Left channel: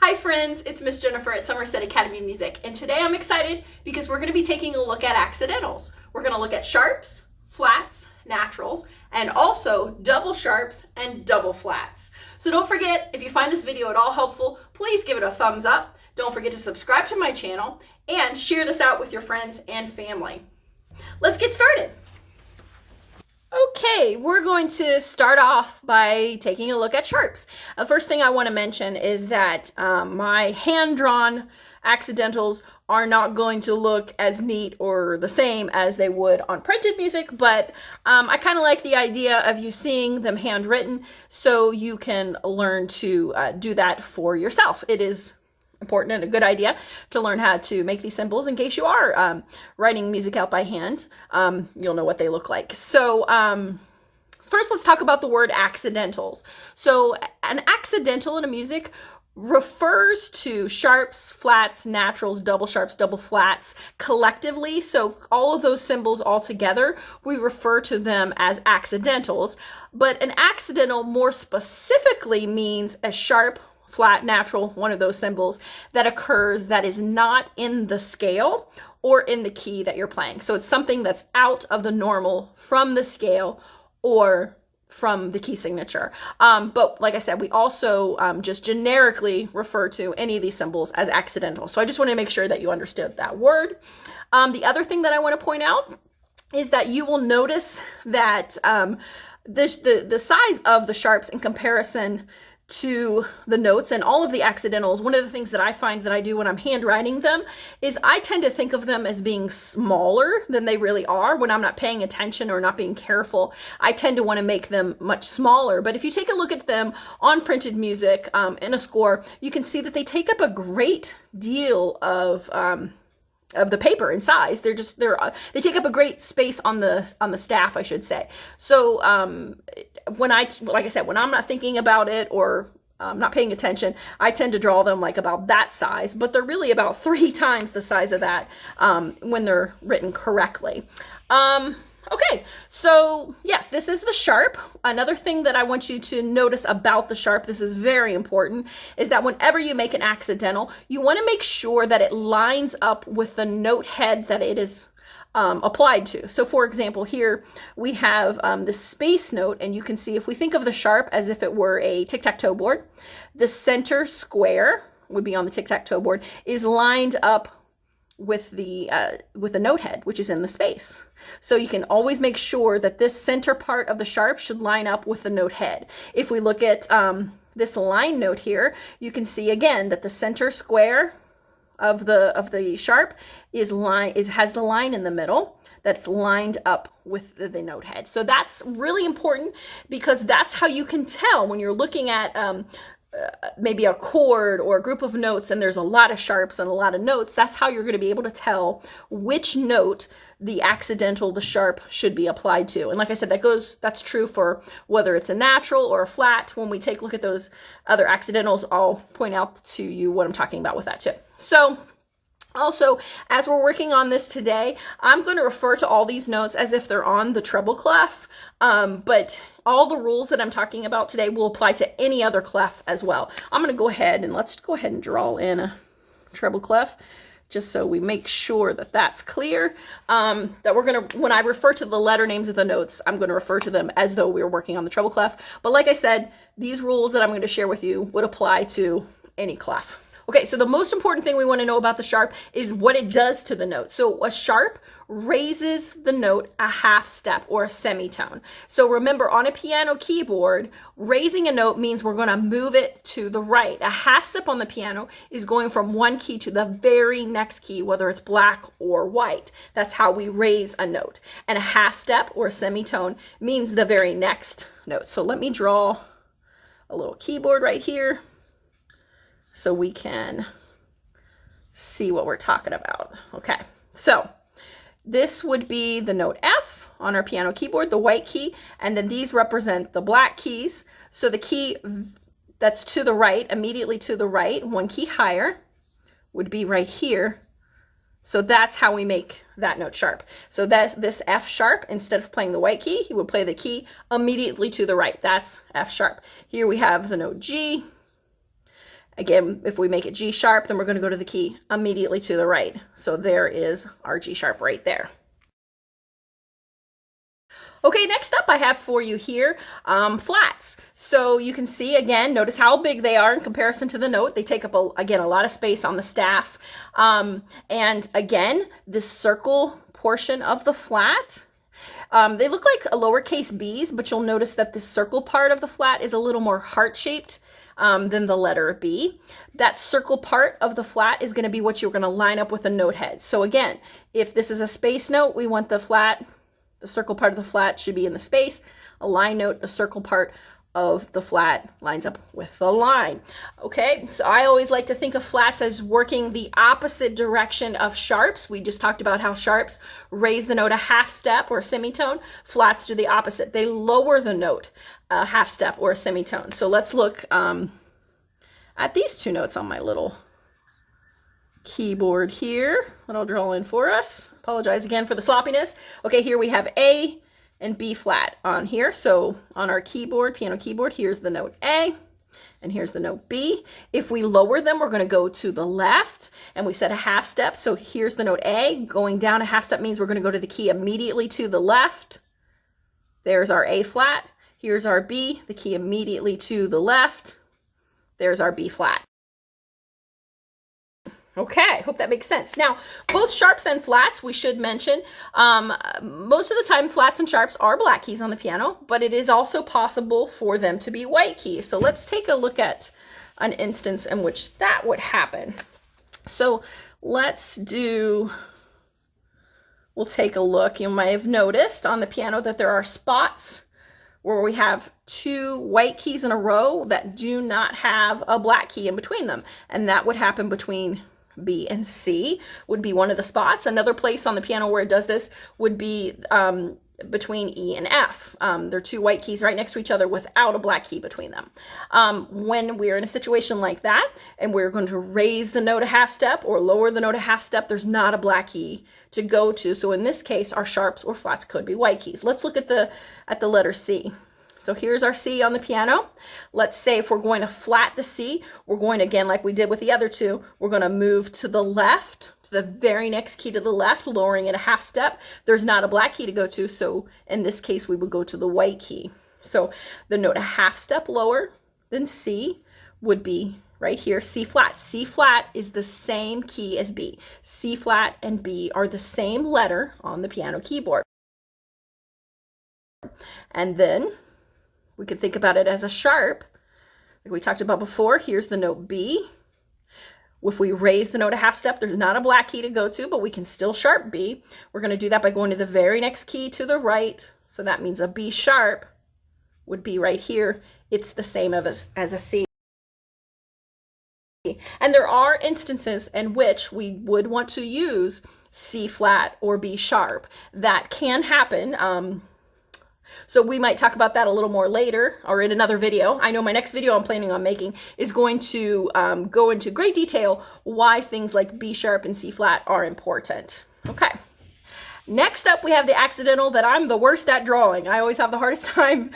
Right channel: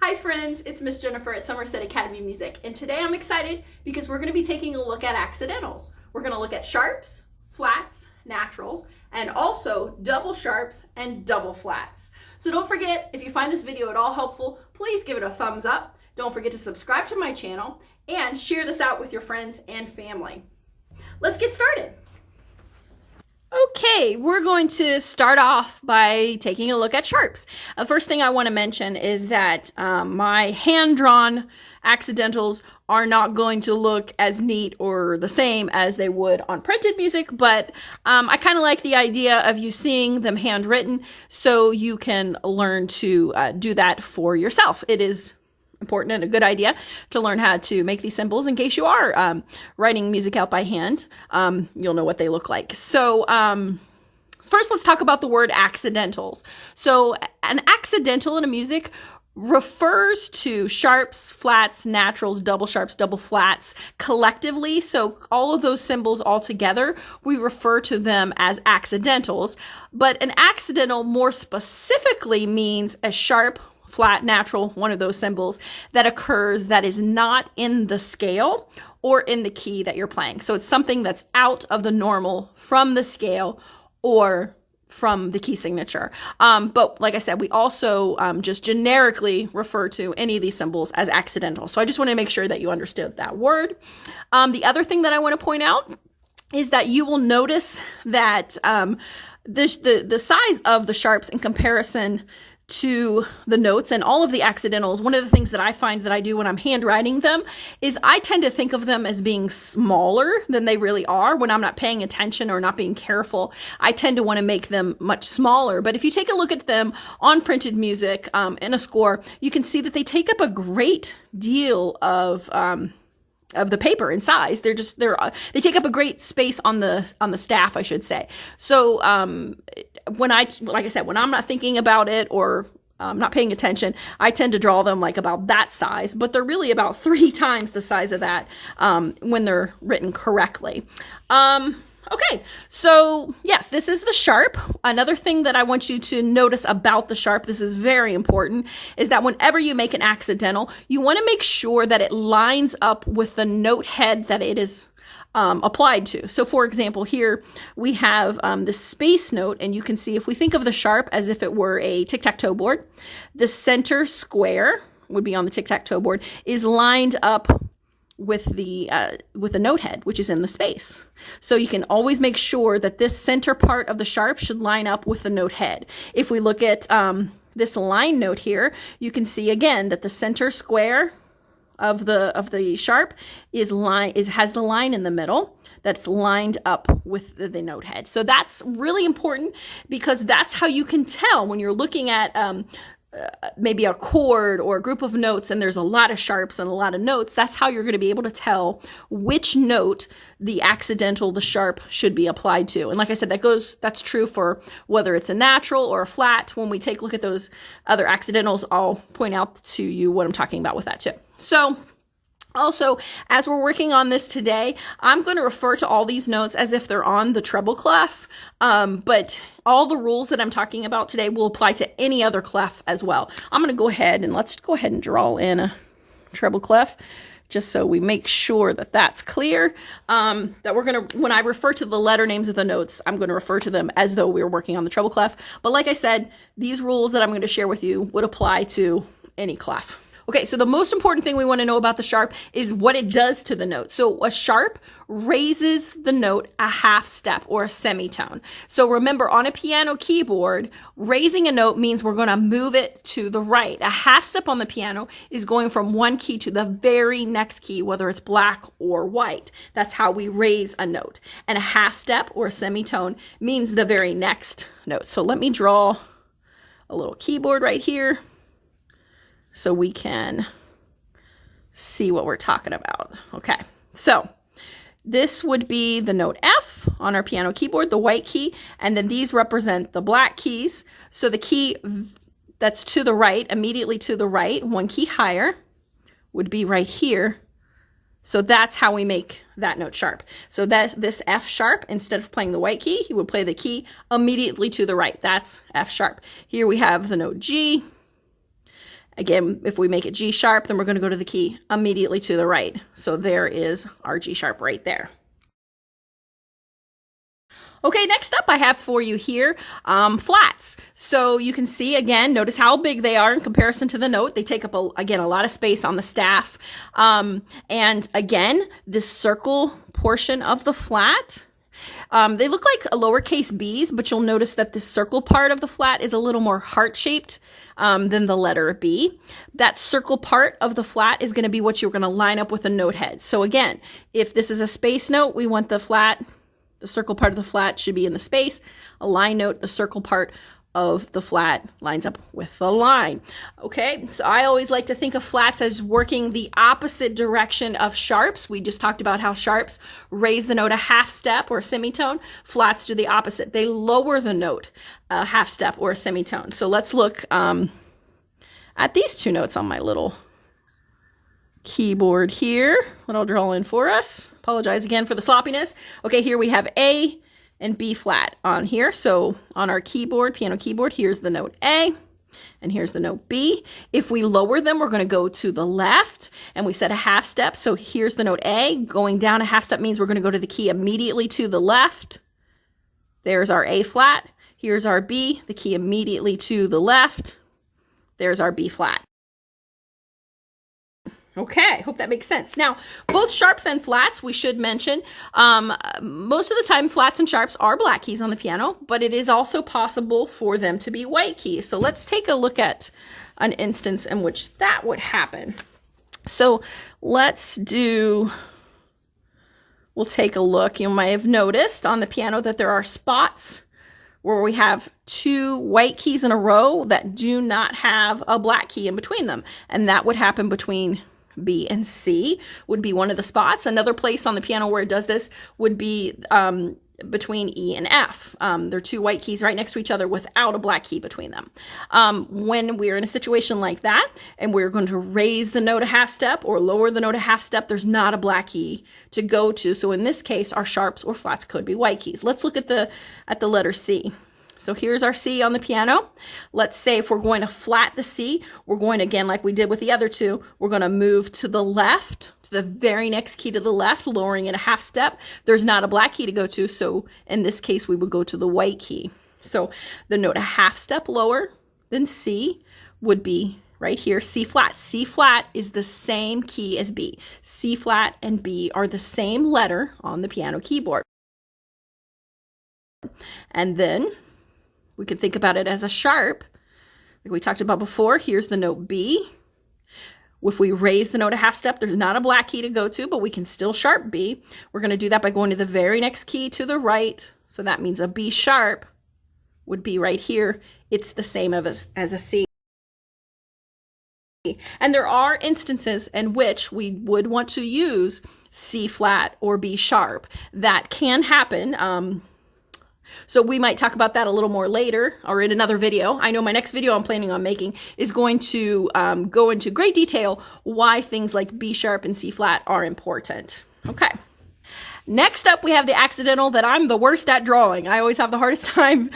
Hi friends, it's Miss Jenifer at Somerset Academy of Music, and today I'm excited because we're going to be taking a look at accidentals. We're going to look at sharps, flats, naturals, and also double sharps and double flats. So don't forget, if you find this video at all helpful, please give it a thumbs up. Don't forget to subscribe to my channel and share this out with your friends and family. Let's get started. Okay, we're going to start off by taking a look at sharps. The first thing I want to mention is that my hand-drawn accidentals are not going to look as neat or the same as they would on printed music, but I kind of like the idea of you seeing them handwritten so you can learn to do that for yourself. It is important and a good idea to learn how to make these symbols in case you are writing music out by hand. You'll know what they look like. So first, let's talk about the word accidentals. So an accidental in a music refers to sharps, flats, naturals, double sharps, double flats collectively. So all of those symbols all together, we refer to them as accidentals. But an accidental more specifically means a sharp, flat, natural, one of those symbols that occurs that is not in the scale or in the key that you're playing. So it's something that's out of the normal from the scale or from the key signature. But like I said, we also just generically refer to any of these symbols as accidental. So I just want to make sure that you understood that word. The other thing that I want to point out is that you will notice that the size of the sharps in comparison to the notes and all of the accidentals, one of the things that I find that I do when I'm handwriting them is I tend to think of them as being smaller than they really are. When I'm not paying attention or not being careful, I tend to want to make them much smaller. But if you take a look at them on printed music in a score, you can see that they take up a great deal of the paper in size. They take up a great space on the staff, I should say. So like I said, when I'm not thinking about it or not paying attention, I tend to draw them like about that size, but they're really about 3 times the size of that when they're written correctly. Okay, so yes, this is the sharp. Another thing that I want you to notice about the sharp, this is very important, is that whenever you make an accidental, you want to make sure that it lines up with the note head that it is applied to. So for example, here we have the space note, and you can see if we think of the sharp as if it were a tic-tac-toe board, the center square would be on the tic-tac-toe board is lined up with the note head, which is in the space. So you can always make sure that this center part of the sharp should line up with the note head. If we look at this line note here, you can see again that the center square of the sharp has the line in the middle that's lined up with the note head. So that's really important because that's how you can tell when you're looking at maybe a chord or a group of notes and there's a lot of sharps and a lot of notes. That's how you're going to be able to tell which note the sharp should be applied to. And like I said, that's true for whether it's a natural or a flat. When we take a look at those other accidentals, I'll point out to you what I'm talking about with that too. So also, as we're working on this today, I'm going to refer to all these notes as if they're on the treble clef, but all the rules that I'm talking about today will apply to any other clef as well. I'm going to go ahead and let's go ahead and draw in a treble clef just so we make sure that that's clear, that we're going to, when I refer to the letter names of the notes, I'm going to refer to them as though we were working on the treble clef. But like I said, these rules that I'm going to share with you would apply to any clef. Okay, so the most important thing we want to know about the sharp is what it does to the note. So a sharp raises the note a half step or a semitone. So remember, on a piano keyboard, raising a note means we're going to move it to the right. A half step on the piano is going from one key to the very next key, whether it's black or white. That's how we raise a note. And a half step or a semitone means the very next note. So let me draw a little keyboard right here so we can see what we're talking about. Okay, so this would be the note F on our piano keyboard, the white key, and then these represent the black keys. So the key that's to the right, immediately to the right, one key higher, would be right here. So that's how we make that note sharp. So that this F sharp, instead of playing the white key, he would play the key immediately to the right. That's F sharp. Here we have the note G, Again, if we make it G sharp, then we're going to go to the key immediately to the right. So there is our G sharp right there. Okay, next up I have for you here flats. So you can see, again, notice how big they are in comparison to the note. They take up, again, a lot of space on the staff. And again, this circle portion of the flat, they look like lowercase b's, but you'll notice that the circle part of the flat is a little more heart-shaped than the letter B. That circle part of the flat is going to be what you're going to line up with a note head. So again, if this is a space note, we want the flat, the circle part of the flat should be in the space. A line note, the circle part of the flat lines up with the line. Okay, so I always like to think of flats as working the opposite direction of sharps. We just talked about how sharps raise the note a half step or a semitone. Flats do the opposite. They lower the note a half step or a semitone. So let's look at these two notes on my little keyboard here, what I'll draw in for us. Apologize again for the sloppiness. Okay, here we have A and B flat on here. So on our keyboard, piano keyboard, here's the note A and here's the note B. If we lower them, we're going to go to the left, and we set a half step. So here's the note A. Going down a half step means we're going to go to the key immediately to the left. There's our A flat. Here's our B, the key immediately to the left. There's our B flat. Okay, hope that makes sense. Now, both sharps and flats, we should mention, most of the time flats and sharps are black keys on the piano, but it is also possible for them to be white keys. So let's take a look at an instance in which that would happen. So let's do, we'll take a look. You might have noticed on the piano that there are spots where we have two white keys in a row that do not have a black key in between them. And that would happen between B and C would be one of the spots. Another place on the piano where it does this would be between E and F. They're two white keys right next to each other without a black key between them. When we're in a situation like that and we're going to raise the note a half step or lower the note a half step, there's not a black key to go to. So in this case, our sharps or flats could be white keys. Let's look at the letter C. So here's our C on the piano. Let's say if we're going to flat the C, we're going to, again, like we did with the other two, we're going to move to the left, to the very next key to the left, lowering it a half step. There's not a black key to go to, so in this case, we would go to the white key. So the note a half step lower than C would be right here, C flat. C flat is the same key as B. C flat and B are the same letter on the piano keyboard. And then we can think about it as a sharp. Like we talked about before, here's the note B. If we raise the note a half step, there's not a black key to go to, but we can still sharp B. We're going to do that by going to the very next key to the right. So that means a B sharp would be right here. It's the same as a C. And there are instances in which we would want to use C flat or B sharp. That can happen. So we might talk about that a little more later or in another video. I know my next video I'm planning on making is going to go into great detail why things like B sharp and C flat are important. Okay. Next up, we have the accidental that I'm the worst at drawing. I always have the hardest time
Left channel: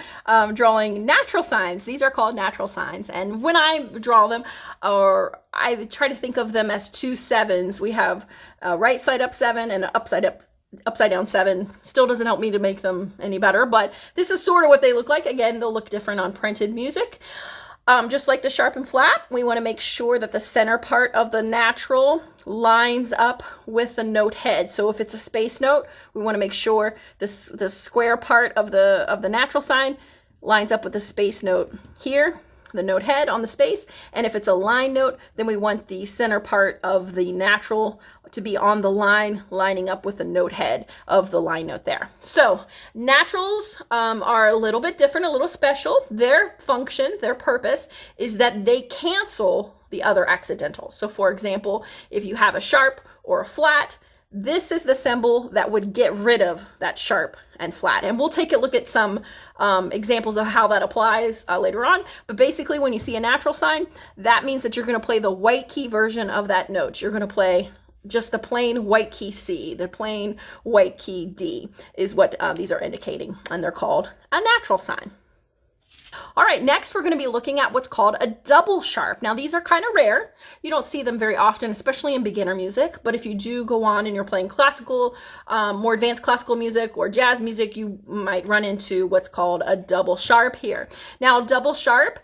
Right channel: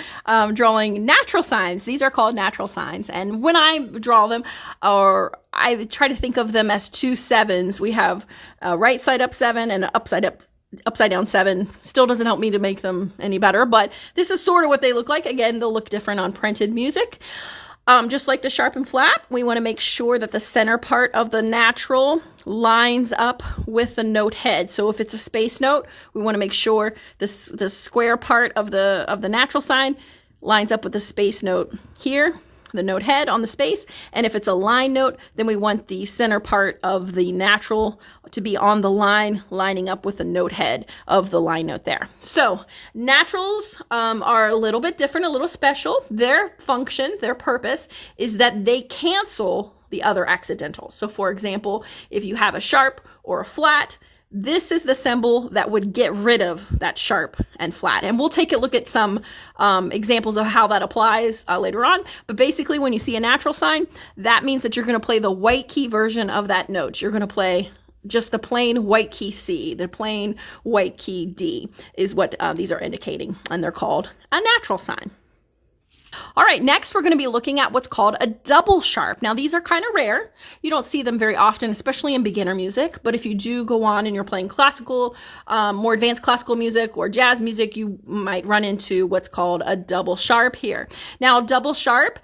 drawing natural signs. These are called natural signs. And when I draw them, or I try to think of them as two sevens. We have a right side up 7 and an upside down 7. Still doesn't help me to make them any better, but this is sort of what they look like. Again, they'll look different on printed music. Just like the sharp and flat, we want to make sure that the center part of the natural lines up with the note head. So if it's a space note, we want to make sure the square part of the natural sign lines up with the space note here, the note head on the space. And if it's a line note, then we want the center part of the natural to be on the line, lining up with the note head of the line note there. So naturals are a little bit different, a little special. Their function, their purpose is that they cancel the other accidentals. So for example, if you have a sharp or a flat, this is the symbol that would get rid of that sharp and flat. And we'll take a look at some examples of how that applies later on. But basically, when you see a natural sign, that means that you're going to play the white key version of that note. You're going to play just the plain white key C, the plain white key D is what these are indicating. And they're called a natural sign. All right, next we're going to be looking at what's called a double sharp. Now, these are kind of rare. You don't see them very often, especially in beginner music. But if you do go on and you're playing classical, more advanced classical music or jazz music, you might run into what's called a double sharp here. Now, double sharp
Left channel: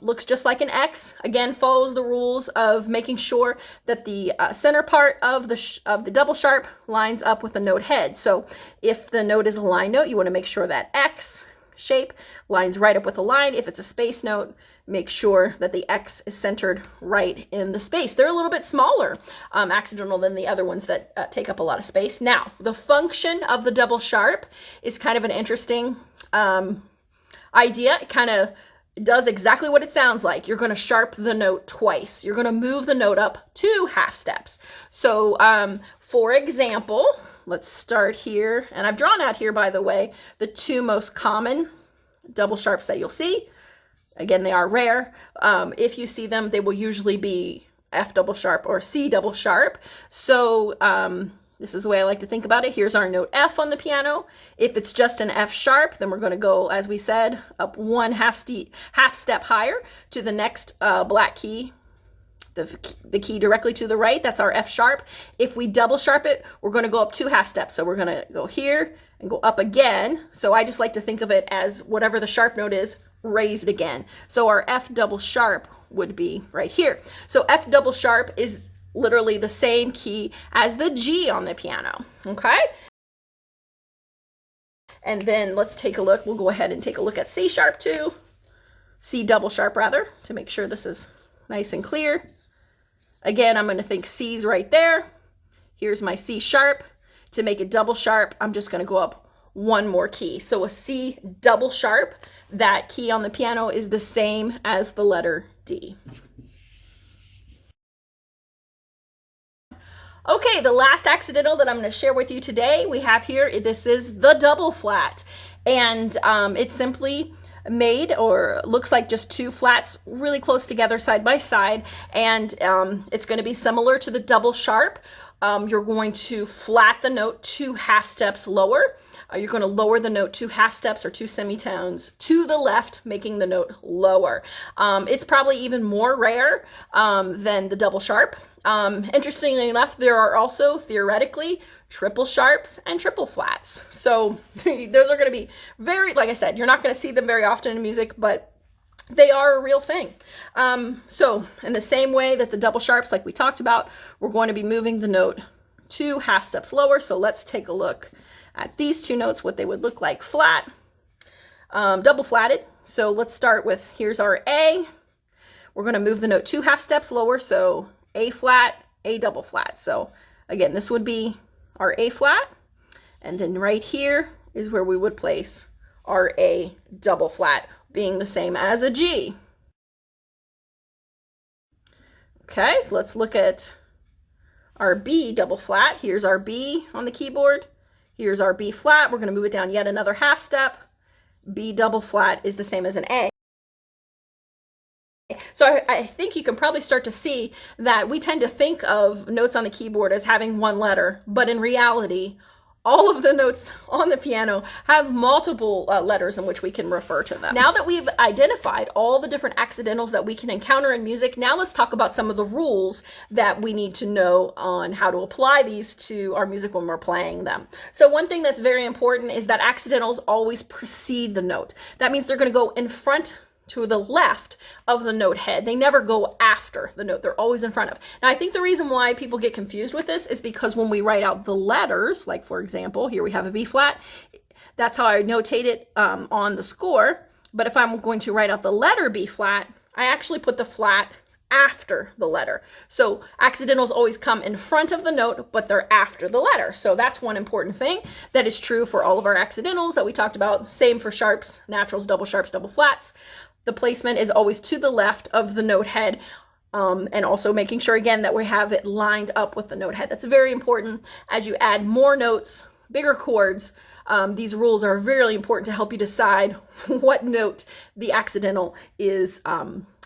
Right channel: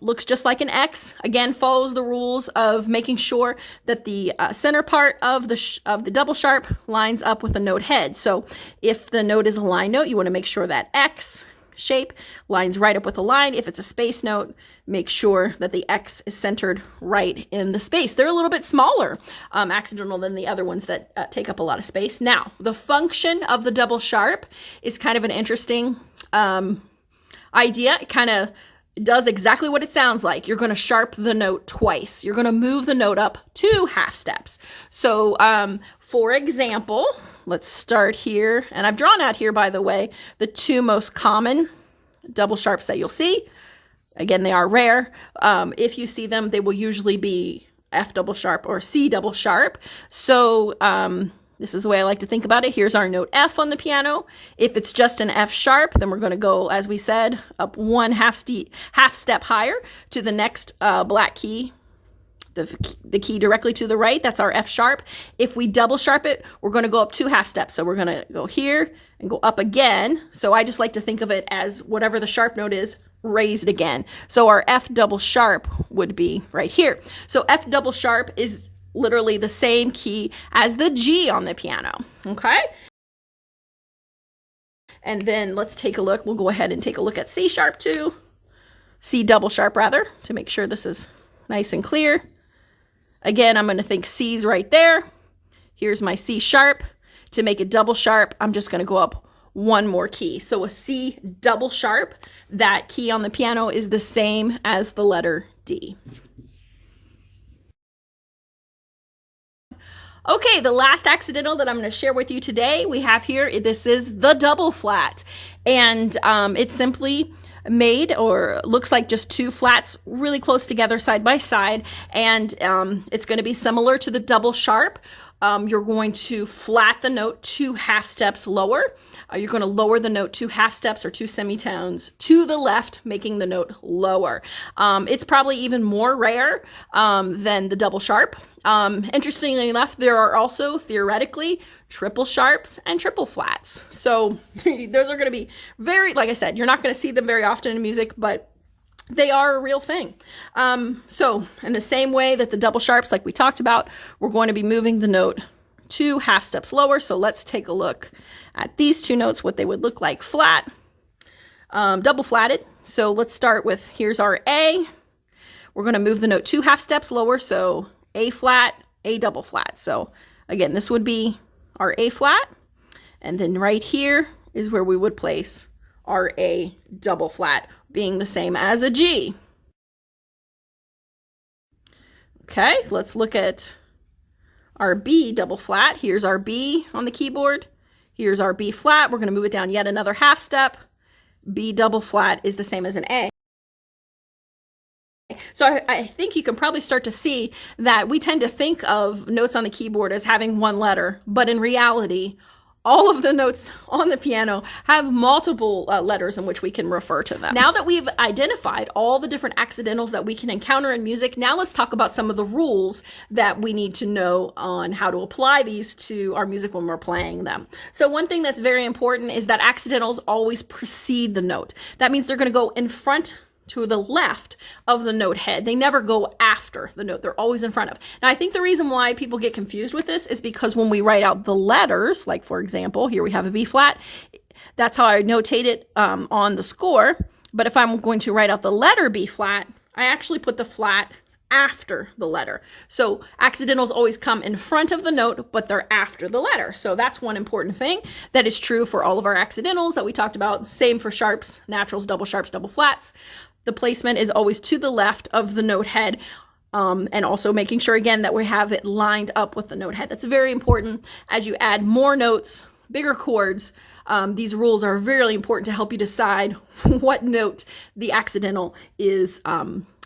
looks just like an X. Again, follows the rules of making sure that the center part of the double sharp lines up with the note head. So if the note is a line note, you want to make sure that X shape lines right up with the line. If it's a space note, make sure that the X is centered right in the space. They're a little bit smaller accidental than the other ones that take up a lot of space. Now, the function of the double sharp is kind of an interesting idea. It kind of does exactly what it sounds like. You're going to sharp the note twice. You're going to move the note up 2 half steps. So for example, let's start here. And I've drawn out here, by the way, the 2 most common double sharps that you'll see. Again, they are rare. If you see them, they will usually be F double sharp or C double sharp. So this is the way I like to think about it. Here's our note F on the piano. If it's just an F sharp, then we're going to go, as we said, up 1 half step higher to the next black key, the key directly to the right. That's our F sharp. If we double sharp it, we're going to go up 2 half steps. So we're going to go here and go up again. So I just like to think of it as whatever the sharp note is, raised again. So our F double sharp would be right here. So F double sharp is literally the same key as the G on the piano, okay? And then let's take a look. We'll go ahead and take a look at C sharp too. C double sharp rather, to make sure this is nice and clear. Again, I'm going to think C's right there. Here's my C sharp. To make it double sharp, I'm just going to go up 1 more key. So a C double sharp, that key on the piano is the same as the letter D. Okay, the last accidental that I'm going to share with you today, we have here, this is the double flat. And it's simply made or looks like just 2 flats really close together side by side. And it's going to be similar to the double sharp. You're going to flat the note 2 half steps lower. You're going to lower the note 2 half steps or 2 semitones to the left, making the note lower. It's probably even more rare than the double sharp. Interestingly enough, there are also theoretically triple sharps and triple flats. So those are going to be very, like I said, you're not going to see them very often in music, but they are a real thing. So in the same way that the double sharps, like we talked about, we're going to be moving the note 2 half steps lower. So let's take a look at these 2 notes, what they would look like flat, double flatted. So let's start with, here's our A. We're going to move the note 2 half steps lower. So A flat, A double flat. So again, this would be our A flat. And then right here is where we would place our A double flat, being the same as a G. Okay, let's look at our B double flat. Here's our B on the keyboard. Here's our B flat. We're going to move it down yet another half step. B double flat is the same as an A. So I think you can probably start to see that we tend to think of notes on the keyboard as having 1 letter, but in reality, all of the notes on the piano have multiple letters in which we can refer to them. Now that we've identified all the different accidentals that we can encounter in music, now let's talk about some of the rules that we need to know on how to apply these to our music when we're playing them. So one thing that's very important is that accidentals always precede the note. That means they're going to go in front to the left of the note head. They never go after the note. They're always in front of. Now, I think the reason why people get confused with this is because when we write out the letters, like for example, here we have a B flat, that's how I notate it on the score. But if I'm going to write out the letter B flat, I actually put the flat after the letter. So accidentals always come in front of the note, but they're after the letter. So that's one important thing that is true for all of our accidentals that we talked about. Same for sharps, naturals, double sharps, double flats. The placement is always to the left of the note head, and also making sure again that we have it lined up with the note head. That's very important as you add more notes, bigger chords. These rules are really important to help you decide what note the accidental is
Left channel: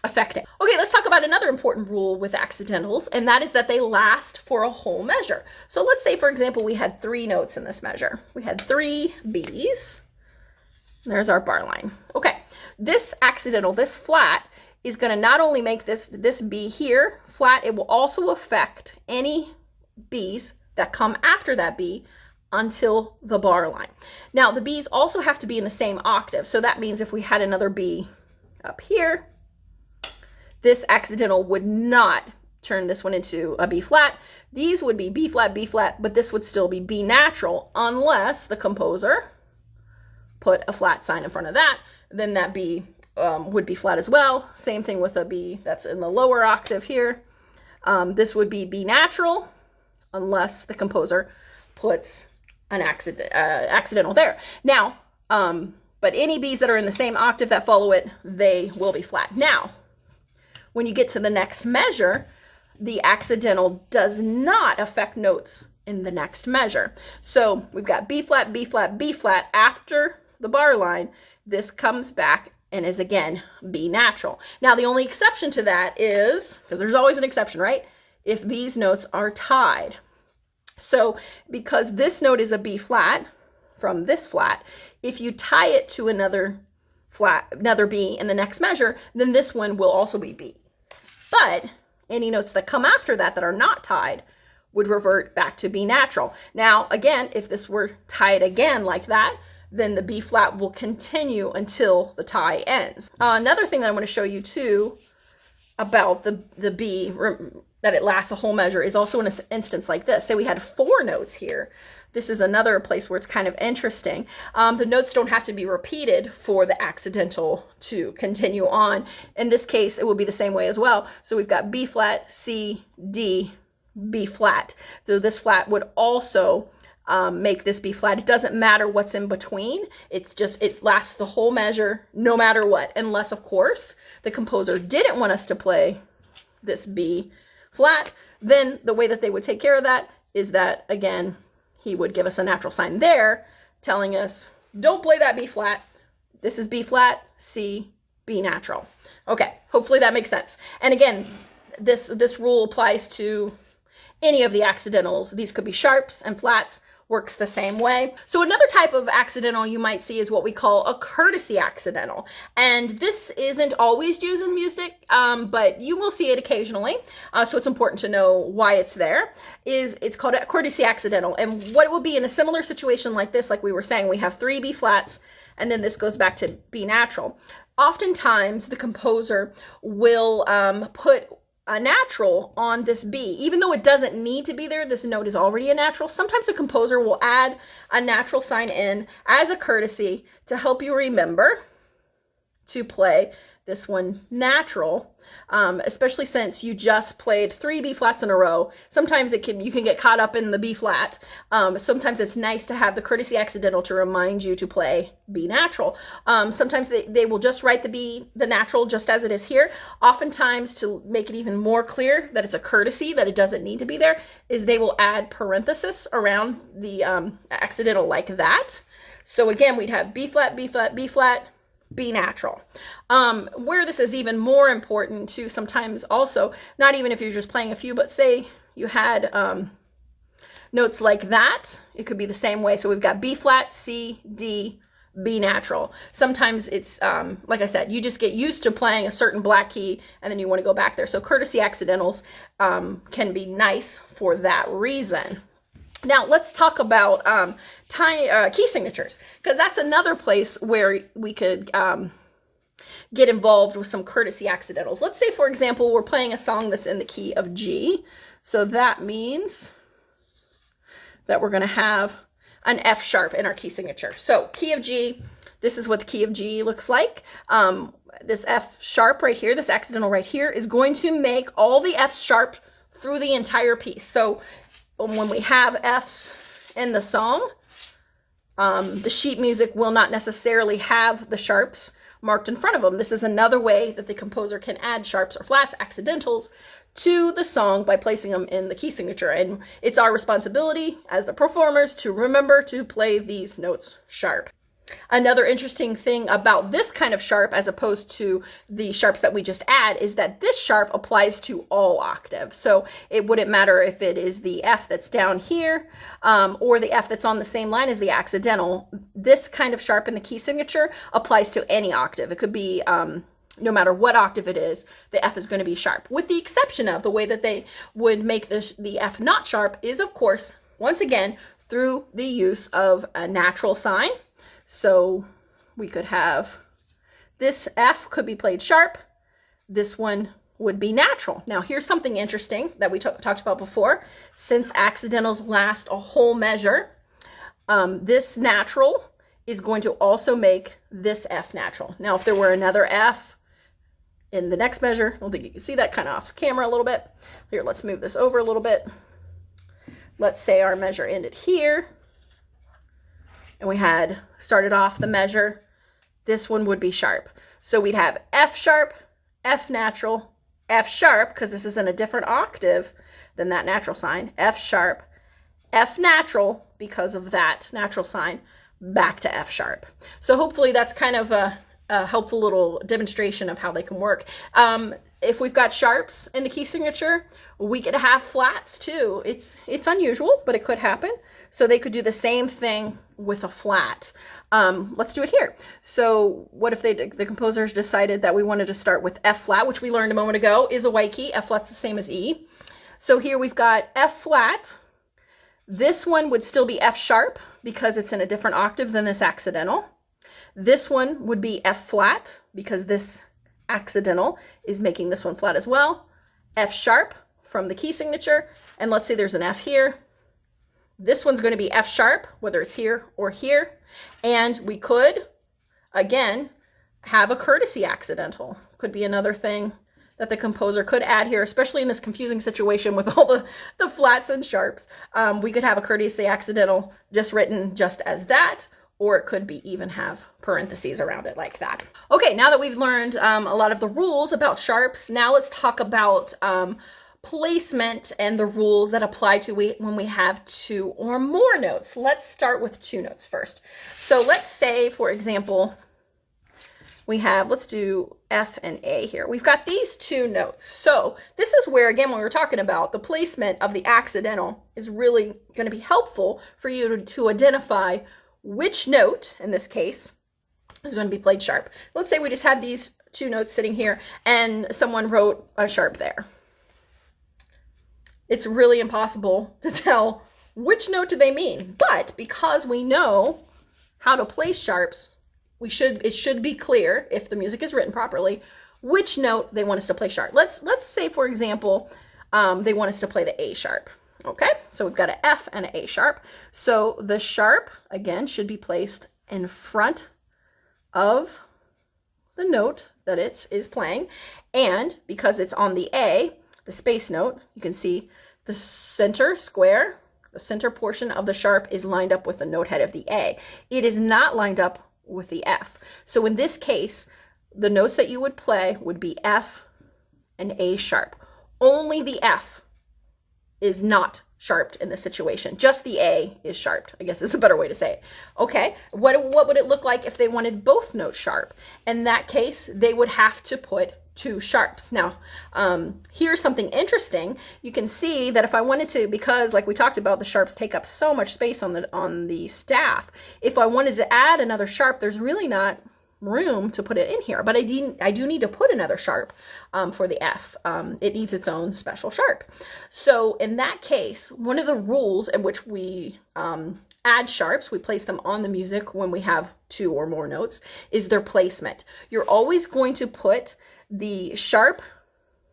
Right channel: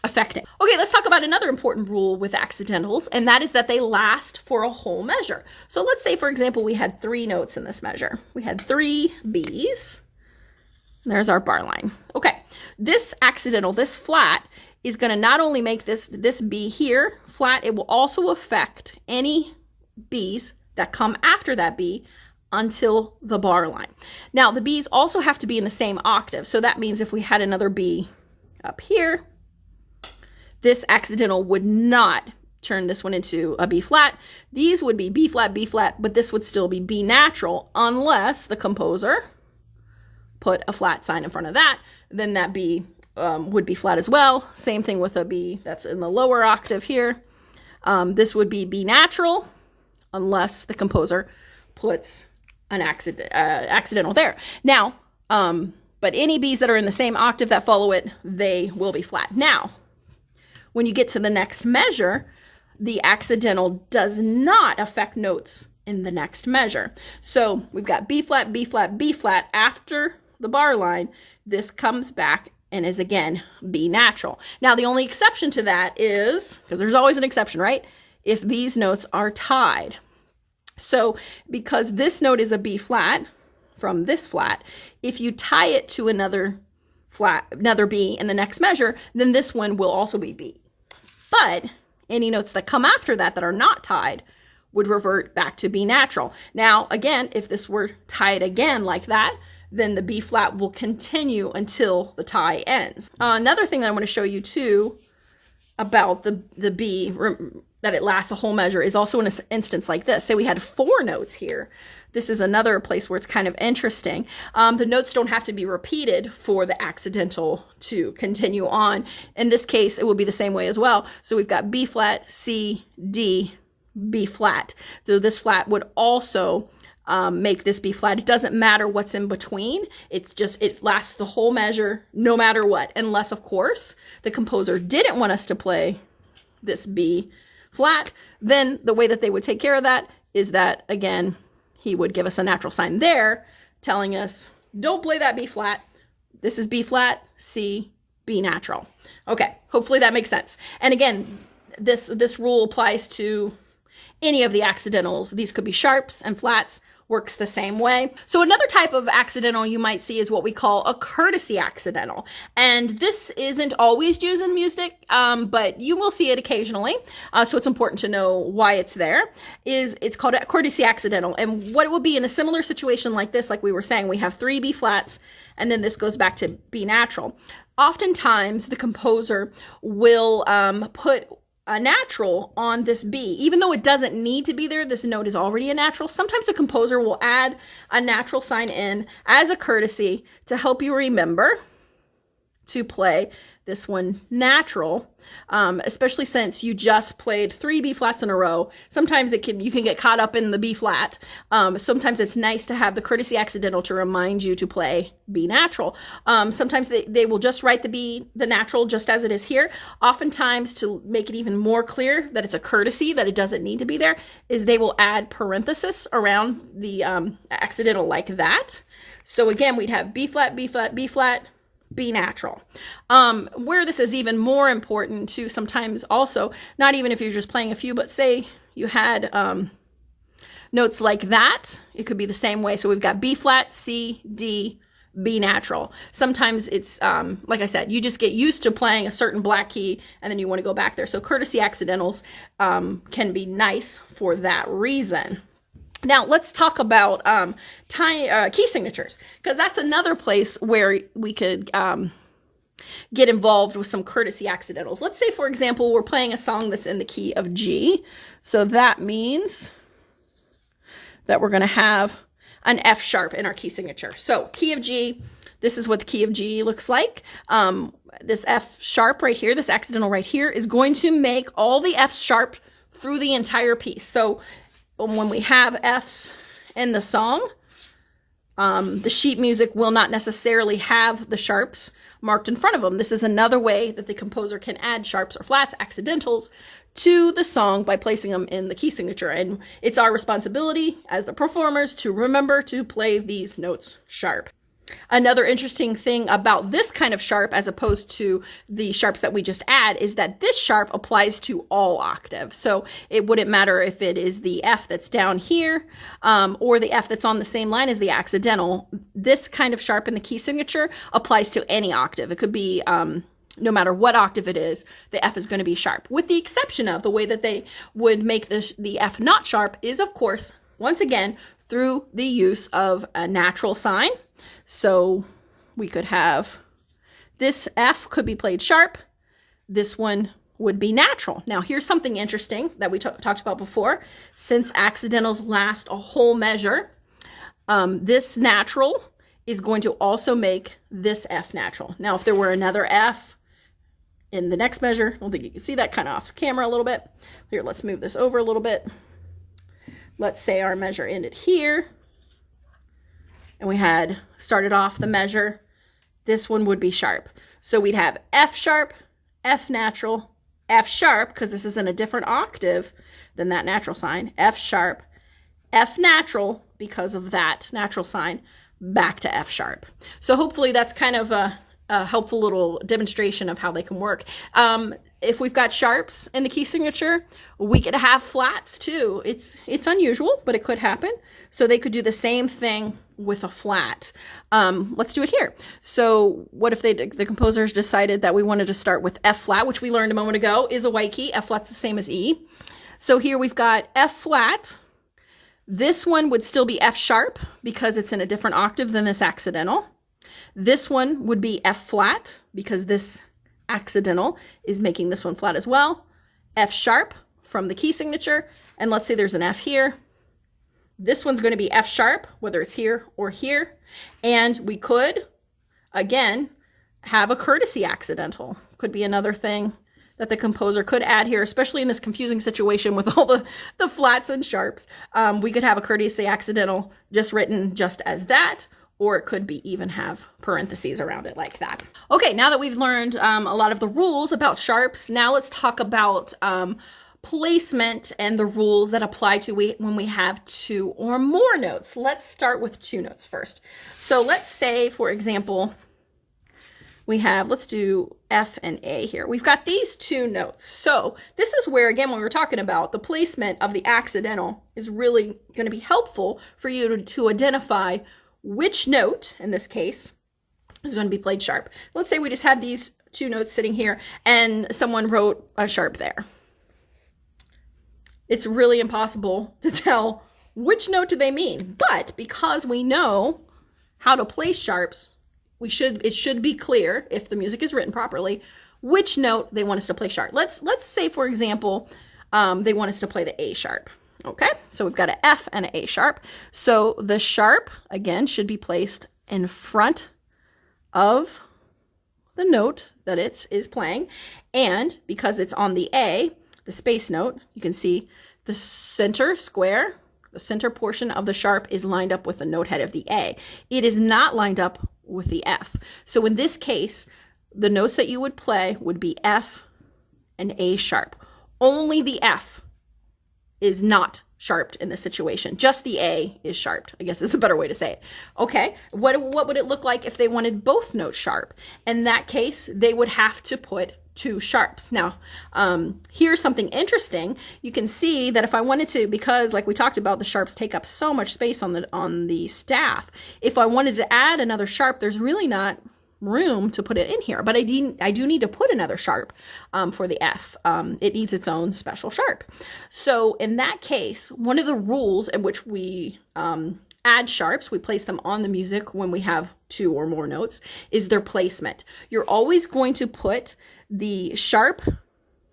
affecting. Okay, let's talk about another important rule with accidentals, and that is that they last for a whole measure. So let's say, for example, we had 3 notes in this measure. We had 3 B's, There's our bar line. Okay, this accidental, this flat, is going to not only make this B here flat, it will also affect any B's that come after that B until the bar line. Now, the B's also have to be in the same octave. So that means if we had another B up here, this accidental would not turn this one into a B flat. These would be B flat, but this would still be B natural unless the composer put a flat sign in front of that. Then that B would be flat as well. Same thing with a B that's in the lower octave here. This would be B natural unless the composer puts an accidental there. Now, but any B's that are in the same octave that follow it, they will be flat. Now, when you get to the next measure, the accidental does not affect notes in the next measure. So we've got B flat, B flat, B flat after the bar line. This comes back and is again B natural. Now, the only exception to that is, because there's always an exception, right? If these notes are tied. So because this note is a B flat from this flat, if you tie it to another B in the next measure, then this one will also be B. But any notes that come after that that are not tied would revert back to B natural. Now, again, if this were tied again like that, then the B flat will continue until the tie ends. Another thing that I want to show you too about the B, that it lasts a whole measure, is also in an instance like this. Say we had 4 notes here. This is another place where it's kind of interesting. The notes don't have to be repeated for the accidental to continue on. In this case, it will be the same way as well. So we've got B flat, C, D, B flat. So this flat would also make this B flat. It doesn't matter what's in between. It's just, it lasts the whole measure no matter what, unless, of course, the composer didn't want us to play this B flat. Then the way that they would take care of that is that, again, he would give us a natural sign there telling us, don't play that B flat. This is B flat, C, B natural. Okay, hopefully that makes sense. And again, this rule applies to any of the accidentals. These could be sharps and flats, works the same way. So another type of accidental you might see is what we call a courtesy accidental. And this isn't always used in music, but you will see it occasionally. So it's important to know why it's there. It's called a courtesy accidental. And what it will be in a similar situation like this, like we were saying, we have 3 B flats, and then this goes back to B natural. Oftentimes the composer will put a natural on this B. Even though it doesn't need to be there, this note is already a natural. Sometimes the composer will add a natural sign in as a courtesy to help you remember to play this one natural, especially since you just played 3 B flats in a row. Sometimes you can get caught up in the B flat. Sometimes it's nice to have the courtesy accidental to remind you to play B natural. Sometimes they will just write the natural just as it is here. Oftentimes, to make it even more clear that it's a courtesy, that it doesn't need to be there, is they will add parenthesis around the accidental like that. So again, we'd have B flat, B flat, B flat, B natural. Where this is even more important too, sometimes also, not even if you're just playing a few, but say you had notes like that, it could be the same way. So we've got B flat, C, D, B natural. Sometimes it's, like I said, you just get used to playing a certain black key and then you want to go back there. So courtesy accidentals can be nice for that reason. Now, let's talk about key signatures, because that's another place where we could get involved with some courtesy accidentals. Let's say, for example, we're playing a song that's in the key of G. So that means that we're going to have an F sharp in our key signature. So key of G, this is what the key of G looks like. This F sharp right here, this accidental right here, is going to make all the F sharp through the entire piece. So when we have Fs in the song, the sheet music will not necessarily have the sharps marked in front of them. This is another way that the composer can add sharps or flats, accidentals, to the song by placing them in the key signature. And it's our responsibility as the performers to remember to play these notes sharp. Another interesting thing about this kind of sharp as opposed to the sharps that we just add is that this sharp applies to all octaves. So it wouldn't matter if it is the F that's down here or the F that's on the same line as the accidental. This kind of sharp in the key signature applies to any octave. It could be no matter what octave it is, the F is going to be sharp, with the exception of the way that they would make the F not sharp is, of course, once again, through the use of a natural sign. So we could have this F could be played sharp. This one would be natural. Now, here's something interesting that we talked about before. Since accidentals last a whole measure, this natural is going to also make this F natural. Now, if there were another F in the next measure, I don't think you can see that, kind of off camera a little bit. Here, let's move this over a little bit. Let's say our measure ended here, and we had started off the measure. This one would be sharp. So we'd have F sharp, F natural, F sharp, because this is in a different octave than that natural sign, F sharp, F natural, because of that natural sign, back to F sharp. So hopefully that's kind of a helpful little demonstration of how they can work. If we've got sharps in the key signature, we could have flats too. It's unusual, but it could happen. So they could do the same thing with a flat. Let's do it here. So what if the composers decided that we wanted to start with F flat, which we learned a moment ago is a white key. F flat's the same as E. So here we've got F flat. This one would still be F sharp because it's in a different octave than this accidental. This one would be F flat because this accidental is making this one flat as well. F sharp from the key signature. And let's say there's an F here. This one's going to be F sharp, whether it's here or here. And we could, again, have a courtesy accidental. Could be another thing that the composer could add here, especially in this confusing situation with all the flats and sharps. We could have a courtesy accidental just written just as that, or it could be even have parentheses around it like that. Okay, now that we've learned a lot of the rules about sharps, now let's talk about placement and the rules that apply to when we have two or more notes. Let's start with two notes first. So let's say, for example, we have, let's do F and A here. We've got these two notes. So this is where, again, when we're talking about the placement of the accidental is really going to be helpful for you to identify which note, in this case, is going to be played sharp. Let's say we just had these two notes sitting here and someone wrote a sharp there. It's really impossible to tell which note do they mean, but because we know how to play sharps, it should be clear, if the music is written properly, which note they want us to play sharp. Let's say, for example, they want us to play the A sharp. Okay, so we've got an F and an A sharp. So the sharp, again, should be placed in front of the note that it is playing. And because it's on the A, the space note, you can see the center square, the center portion of the sharp is lined up with the note head of the A. It is not lined up with the F. So in this case, the notes that you would play would be F and A sharp. Only the F is not sharped in this situation. Just the A is sharped, I guess is a better way to say it. Okay, what would it look like if they wanted both notes sharp? In that case, they would have to put two sharps. Now, here's something interesting. You can see that if I wanted to, because like we talked about, the sharps take up so much space on the staff. If I wanted to add another sharp, there's really not room to put it in here, but I do need to put another sharp for the F. It needs its own special sharp. So in that case, one of the rules in which we add sharps, we place them on the music when we have two or more notes, is their placement. You're always going to put the sharp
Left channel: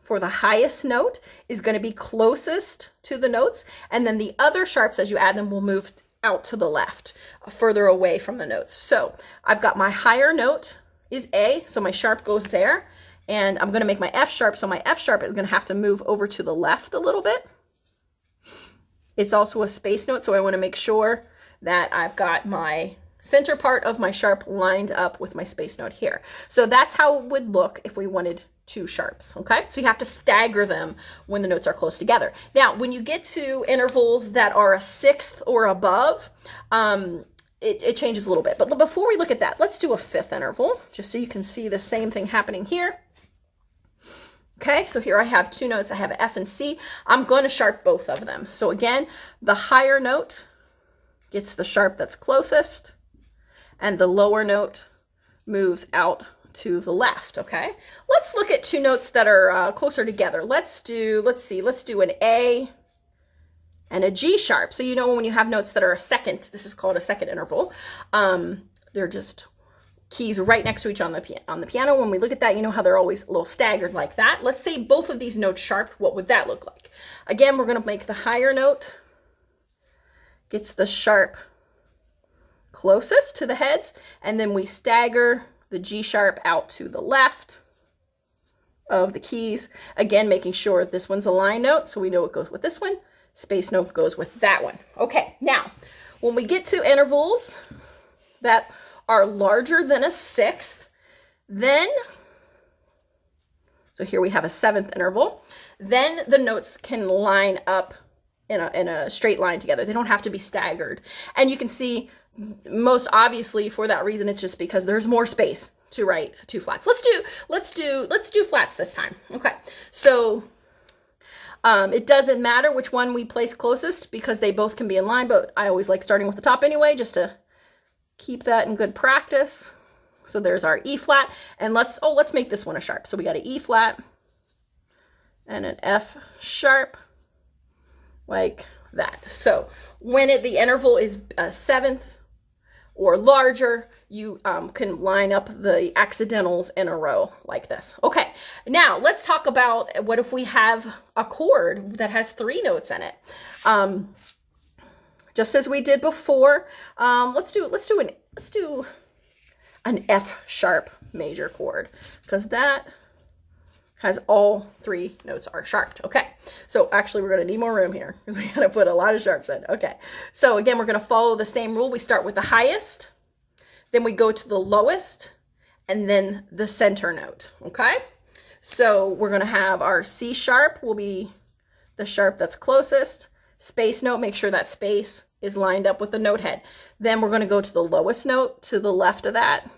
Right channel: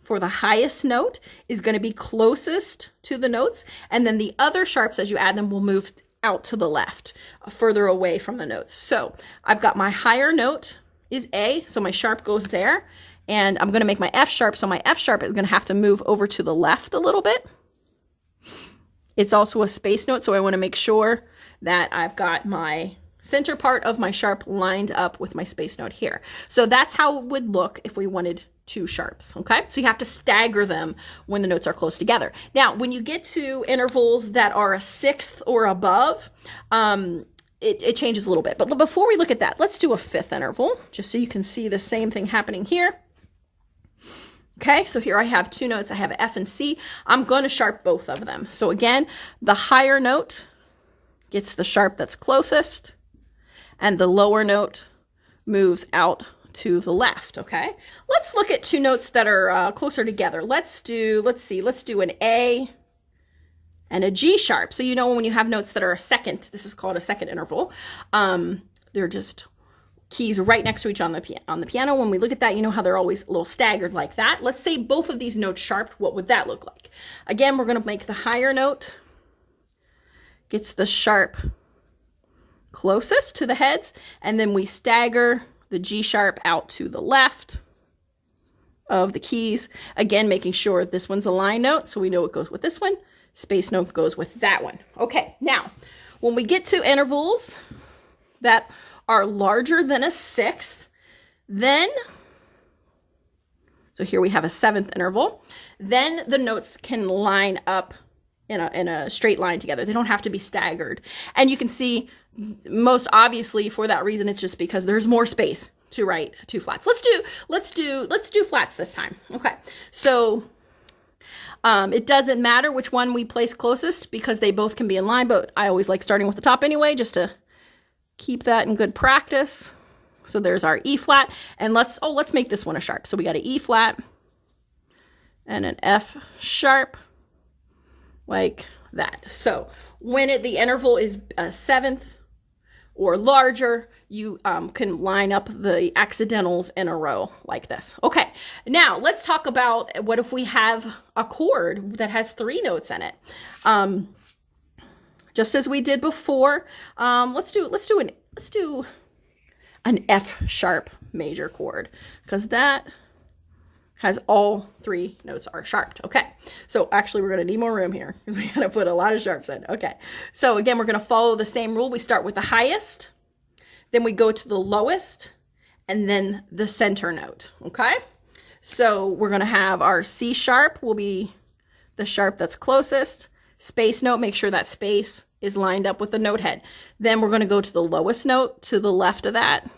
for the highest note is going to be closest to the notes, and then the other sharps, as you add them, will move out to the left, further away from the notes. So I've got my higher note is A, so my sharp goes there, and I'm going to make my F sharp, so my F sharp is going to have to move over to the left a little bit. It's also a space note, so I want to make sure that I've got my center part of my sharp lined up with my space note here. So that's how it would look if we wanted two sharps, okay? So you have to stagger them when the notes are close together. Now, when you get to intervals that are a sixth or above, it changes a little bit. But before we look at that, let's do a fifth interval, just so you can see the same thing happening here. Okay, so here I have two notes. I have F and C. I'm going to sharp both of them. So again, the higher note gets the sharp that's closest, and the lower note moves out to the left. Okay, let's look at two notes that are closer together. Let's do an A and a G sharp. So you know when you have notes that are a second, this is called a second interval. They're just keys right next to each other on the piano. When we look at that, you know how they're always a little staggered like that. Let's say both of these notes sharp. What would that look like? Again, we're going to make the higher note gets the sharp closest to the heads, and then we stagger the G sharp out to the left of the keys. Again, making sure this one's a line note, so we know it goes with this one. Space note goes with that one. Okay, now, when we get to intervals that are larger than a sixth, then, so here we have a seventh interval, then the notes can line up in a straight line together. They don't have to be staggered. And you can see, most obviously for that reason, it's just because there's more space to write two flats. Let's do flats this time. Okay, so it doesn't matter which one we place closest because they both can be in line, but I always like starting with the top anyway, just to keep that in good practice. So there's our E flat, and let's make this one a sharp. So we got an E flat and an F sharp, like that. So when the interval is a seventh or larger, you can line up the accidentals in a row like this. Okay, now let's talk about what if we have a chord that has three notes in it. Just as we did before, let's do an F sharp major chord, because that has all three notes are sharped. Okay, so actually we're going to need more room here because we got to put a lot of sharps in. Okay, so again, we're going to follow the same rule. We start with the highest, then we go to the lowest, and then the center note. Okay, so we're going to have our C sharp will be the sharp that's closest. Space note, make sure that space is lined up with the note head. Then we're going to go to the lowest note to the left of that.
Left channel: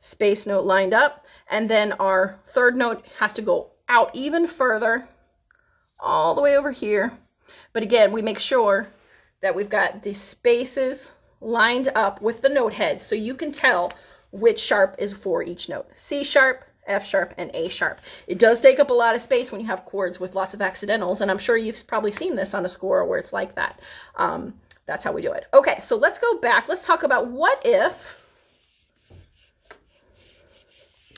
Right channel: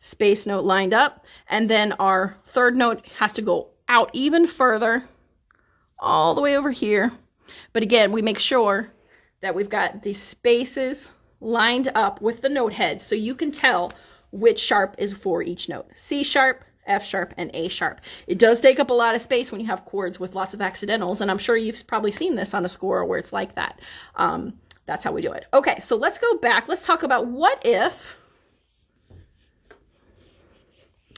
Space note lined up. And then our third note has to go out even further, all the way over here. But again, we make sure that we've got these spaces lined up with the note head so you can tell which sharp is for each note. C sharp, F sharp, and A sharp. It does take up a lot of space when you have chords with lots of accidentals, and I'm sure you've probably seen this on a score where it's like that. That's how we do it. Okay, so let's go back. Let's talk about what if,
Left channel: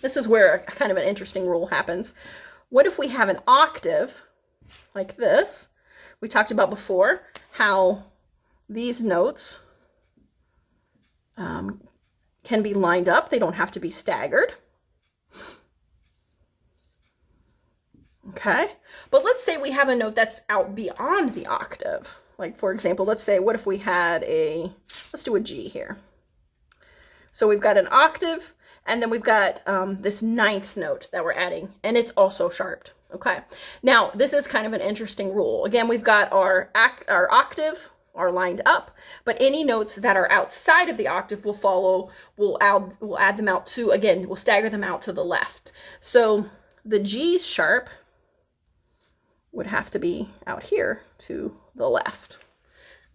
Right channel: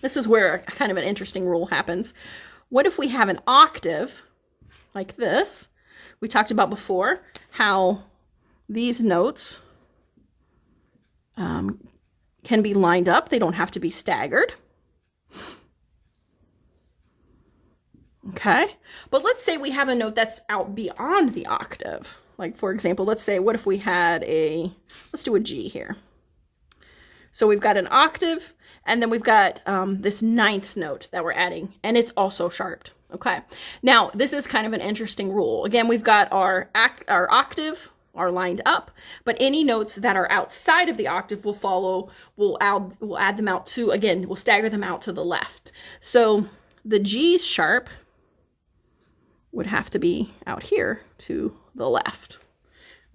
this is where kind of an interesting rule happens. What if we have an octave like this? We talked about before how these notes can be lined up. They don't have to be staggered. Okay, but let's say we have a note that's out beyond the octave. Like, for example, let's say, what if we had let's do a G here. So we've got an octave, and then we've got this ninth note that we're adding, and it's also sharped. Okay, now this is kind of an interesting rule. Again, we've got our octave are lined up, but any notes that are outside of the octave we'll add them out to, again, we'll stagger them out to the left. So the G sharp would have to be out here to the left.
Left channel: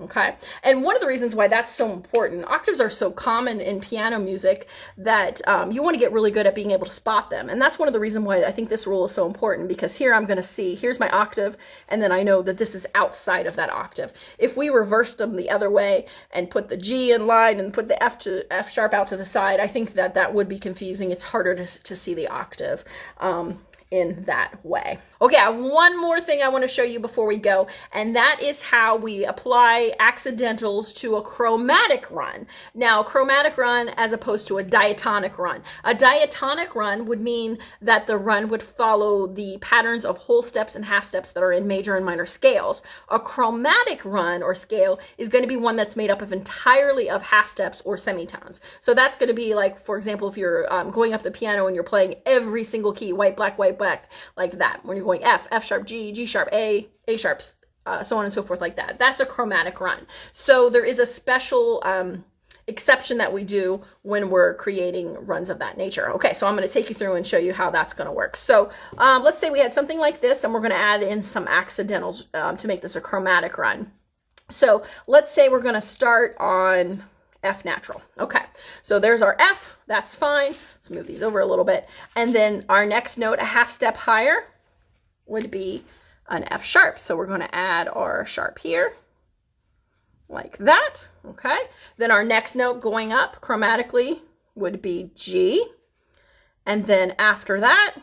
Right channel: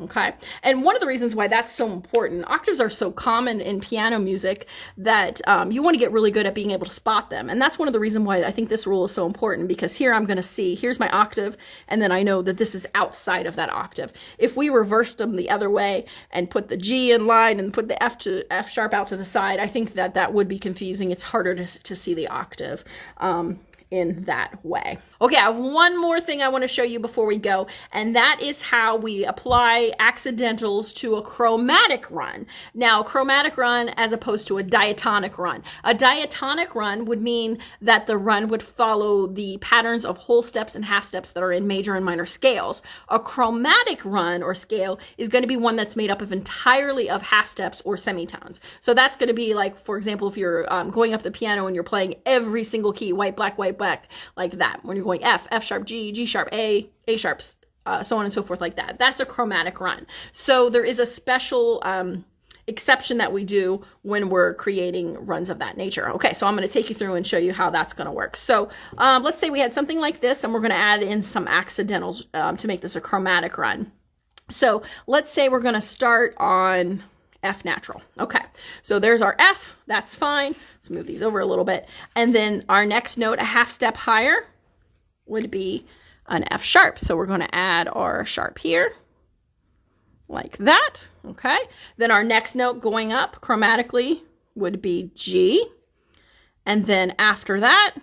Okay, and one of the reasons why that's so important, octaves are so common in piano music that you want to get really good at being able to spot them. And that's one of the reasons why I think this rule is so important, because here I'm going to see, here's my octave, and then I know that this is outside of that octave. If we reversed them the other way and put the G in line and put the F sharp out to the side, I think that would be confusing. It's harder to see the octave in that way. Okay, I have one more thing I want to show you before we go, and that is how we apply accidentals to a chromatic run. Now, a chromatic run as opposed to a diatonic run. A diatonic run would mean that the run would follow the patterns of whole steps and half steps that are in major and minor scales. A chromatic run or scale is going to be one that's made up of entirely of half steps or semitones. So that's going to be like, for example, if you're going up the piano and you're playing every single key, white, black, like that. When you're going F, F sharp, G, G sharp, A sharp, so on and so forth like that. That's a chromatic run. So there is a special exception that we do when we're creating runs of that nature. Okay, so I'm going to take you through and show you how that's going to work. So let's say we had something like this, and we're going to add in some accidentals to make this a chromatic run. So let's say we're going to start on F natural. Okay, so there's our F. That's fine. Let's move these over a little bit. And then our next note, a half step higher, would be an F sharp. So we're going to add our sharp here, like that. Okay, then our next note going up chromatically would be G. And then after that,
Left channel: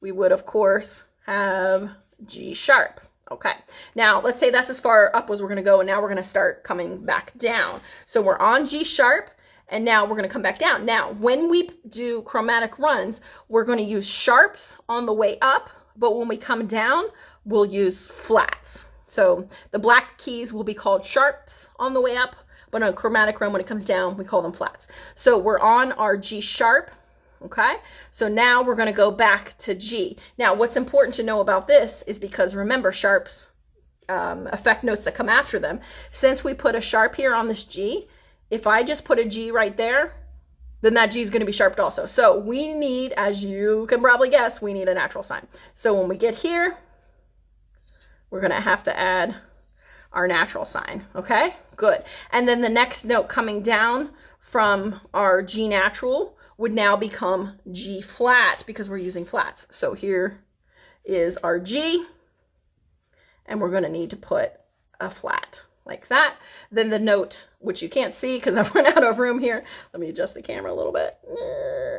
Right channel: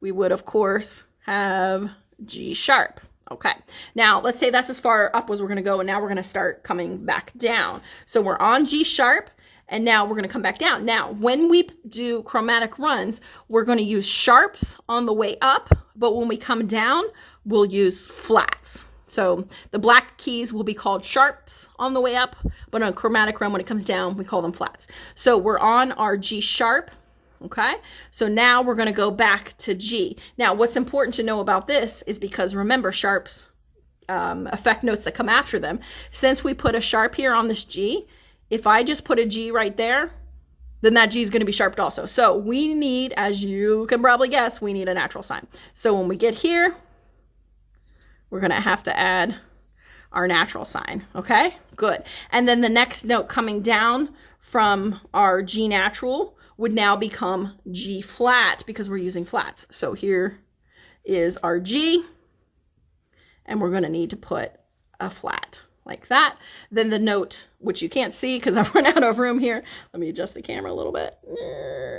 we would, of course, have G sharp. Okay, now let's say that's as far up as we're going to go, and now we're going to start coming back down. So we're on G sharp, and now we're going to come back down. Now, when we do chromatic runs, we're going to use sharps on the way up, but when we come down, we'll use flats. So the black keys will be called sharps on the way up, but on a chromatic run, when it comes down, we call them flats. So we're on our G sharp. Okay, so now we're going to go back to G. Now, what's important to know about this is because remember, sharps affect notes that come after them. Since we put a sharp here on this G, if I just put a G right there, then that G is going to be sharped also. So we need, as you can probably guess, we need a natural sign. So when we get here, we're going to have to add our natural sign. Okay, good. And then the next note coming down from our G natural would now become G flat because we're using flats. So here is our G, and we're going to need to put a flat like that. Then the note, which you can't see because I've run out of room here. Let me adjust the camera a little bit.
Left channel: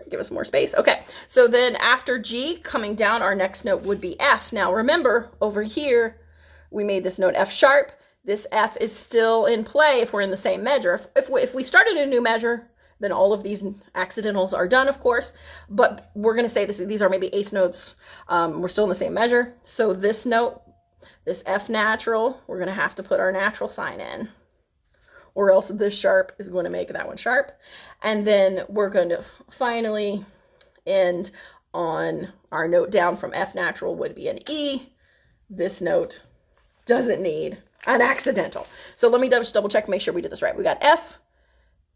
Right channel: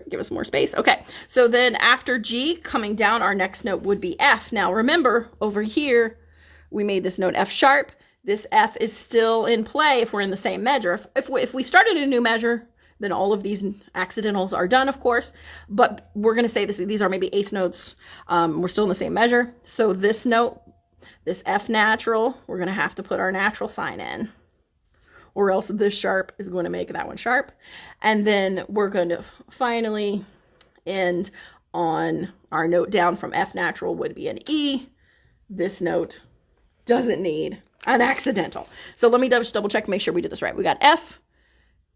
Give us more space. Okay, so then after G, coming down, our next note would be F. Now remember, over here, we made this note F sharp. This F is still in play if we're in the same measure. If we started a new measure, then all of these accidentals are done, of course, but we're going to say these are maybe eighth notes. We're still in the same measure. So this note, this F natural, we're going to have to put our natural sign in, or else this sharp is going to make that one sharp. And then we're going to finally end on our note down from F natural would be an E. This note doesn't need an accidental. So let me just double check, make sure we did this right. We got F,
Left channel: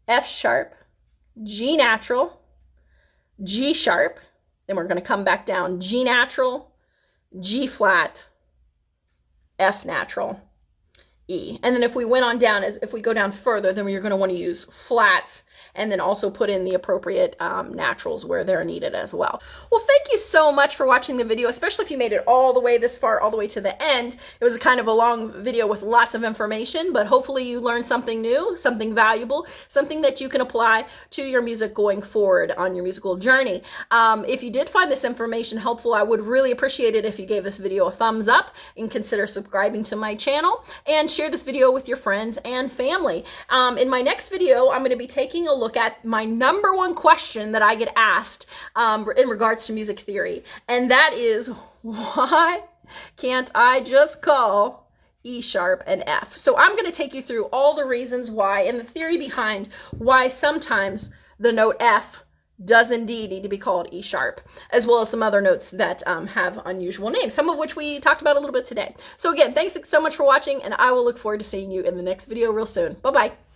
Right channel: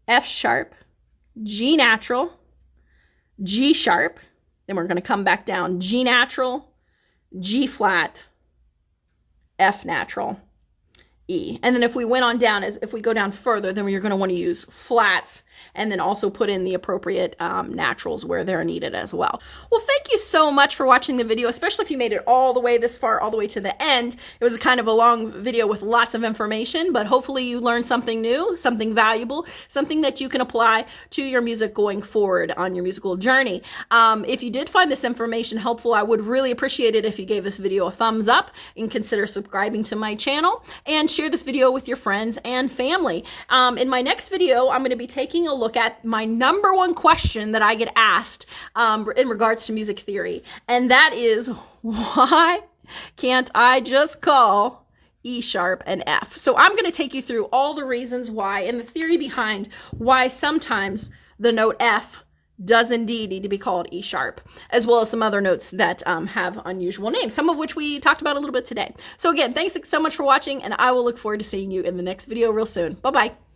F sharp, G natural, G sharp, then we're going to come back down, G natural, G flat, F natural, E. And then if we went on down, if we go down further, then you're going to want to use flats and then also put in the appropriate naturals where they're needed as well. Well, thank you so much for watching the video, especially if you made it all the way this far, all the way to the end. It was kind of a long video with lots of information, but hopefully you learned something new, something valuable, something that you can apply to your music going forward on your musical journey. If you did find this information helpful, I would really appreciate it if you gave this video a thumbs up and consider subscribing to my channel and share this video with your friends and family. In my next video, I'm going to be taking a look at my #1 question that I get asked in regards to music theory, and that is, why can't I just call E sharp and F? So I'm going to take you through all the reasons why and the theory behind why sometimes the note F does indeed need to be called E sharp, as well as some other notes that have unusual names, some of which we talked about a little bit today. So again, thanks so much for watching, and I will look forward to seeing you in the next video real soon. Bye-bye.